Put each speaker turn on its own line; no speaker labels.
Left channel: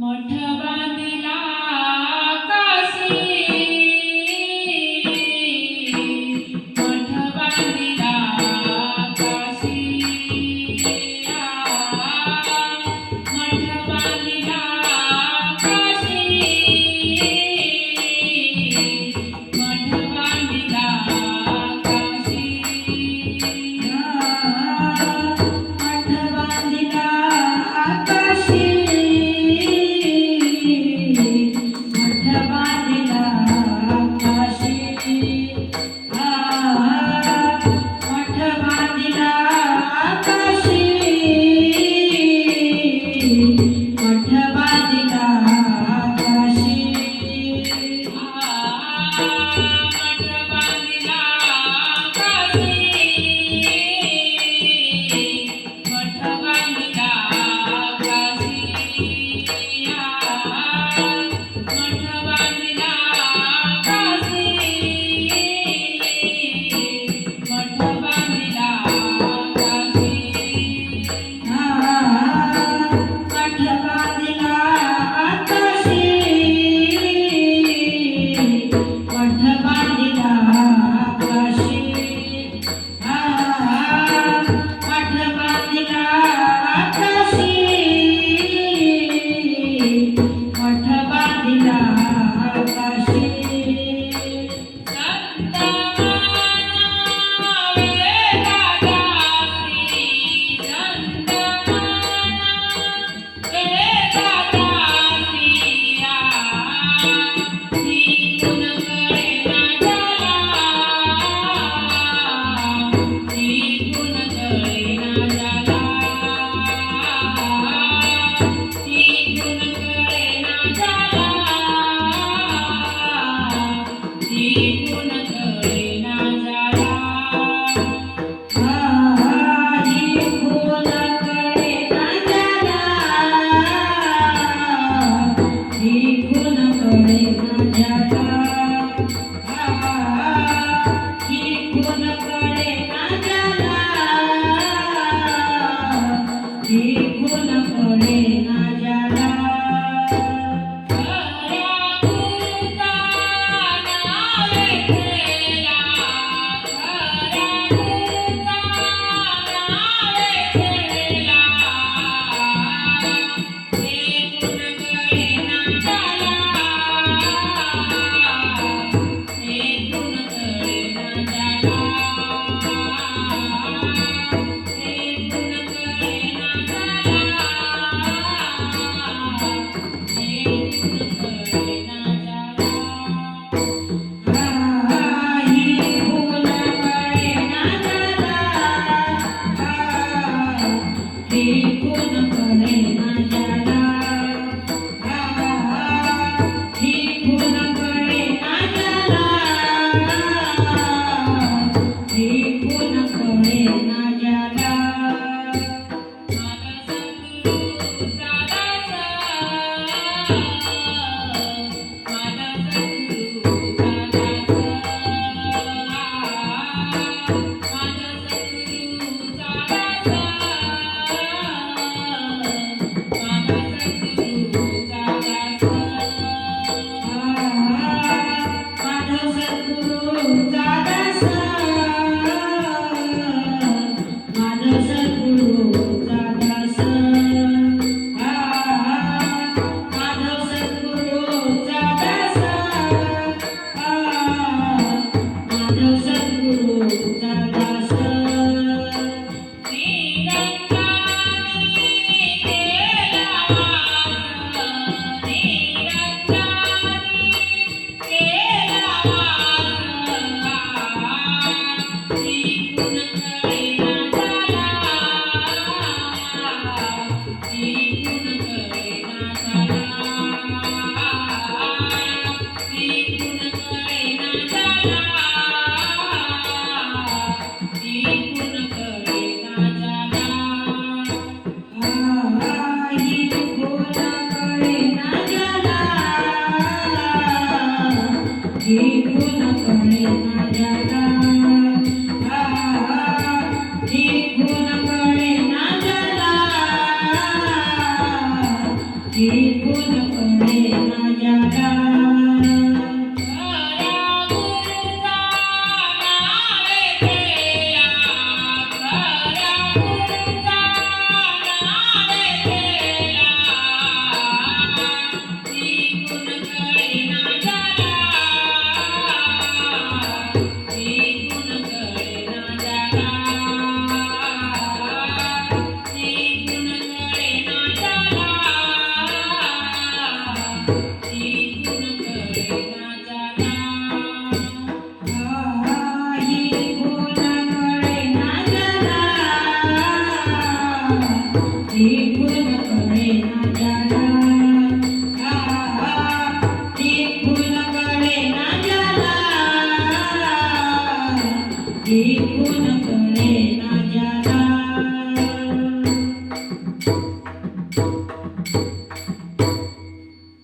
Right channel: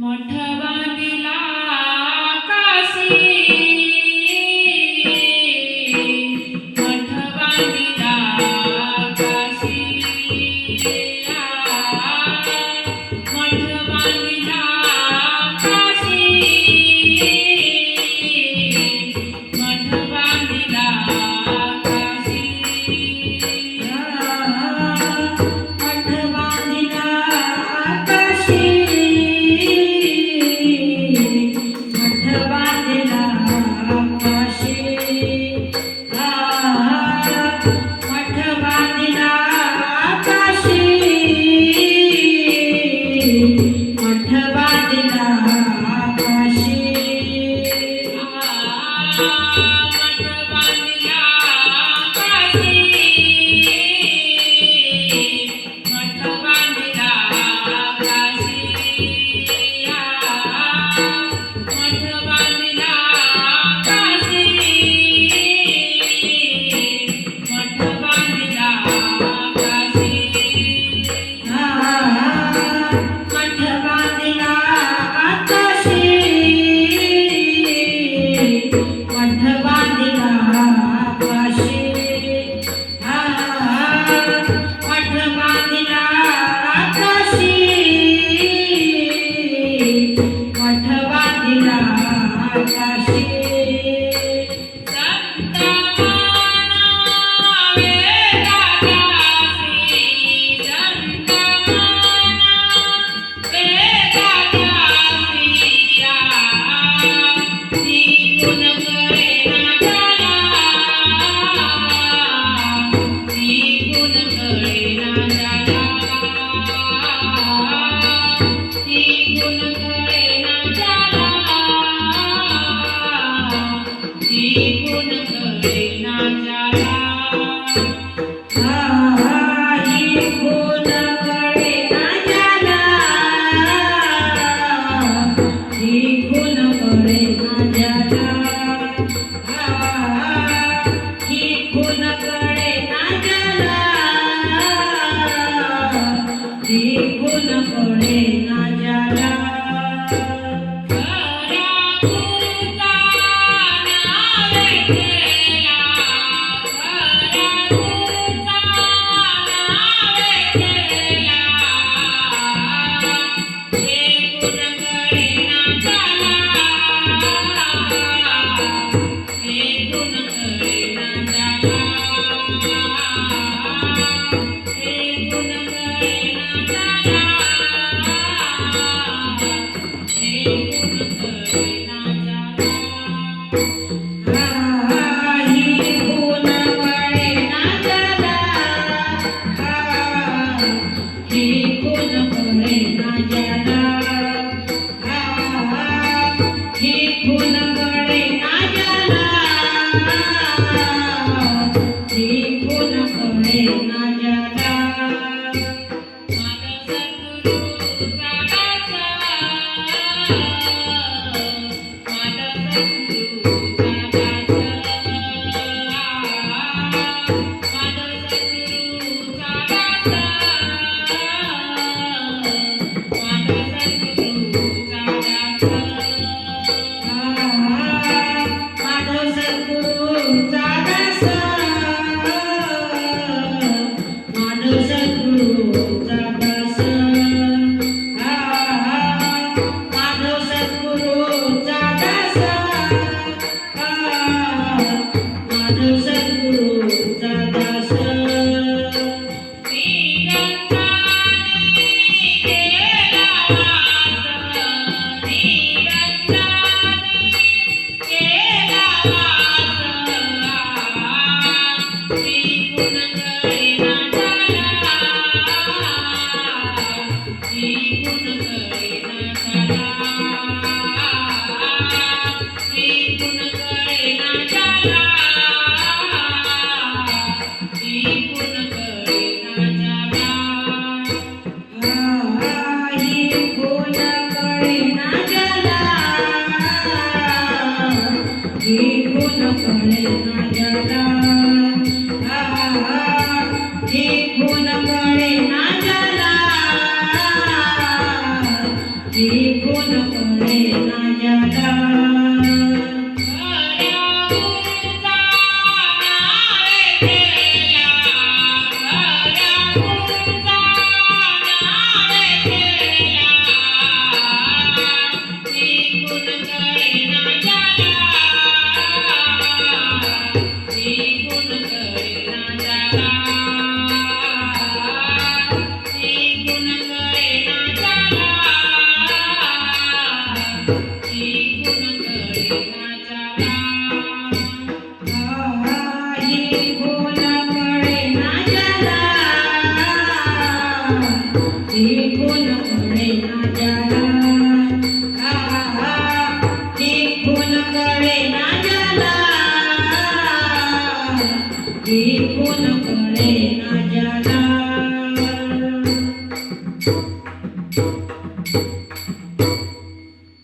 मठवादिला Thank you.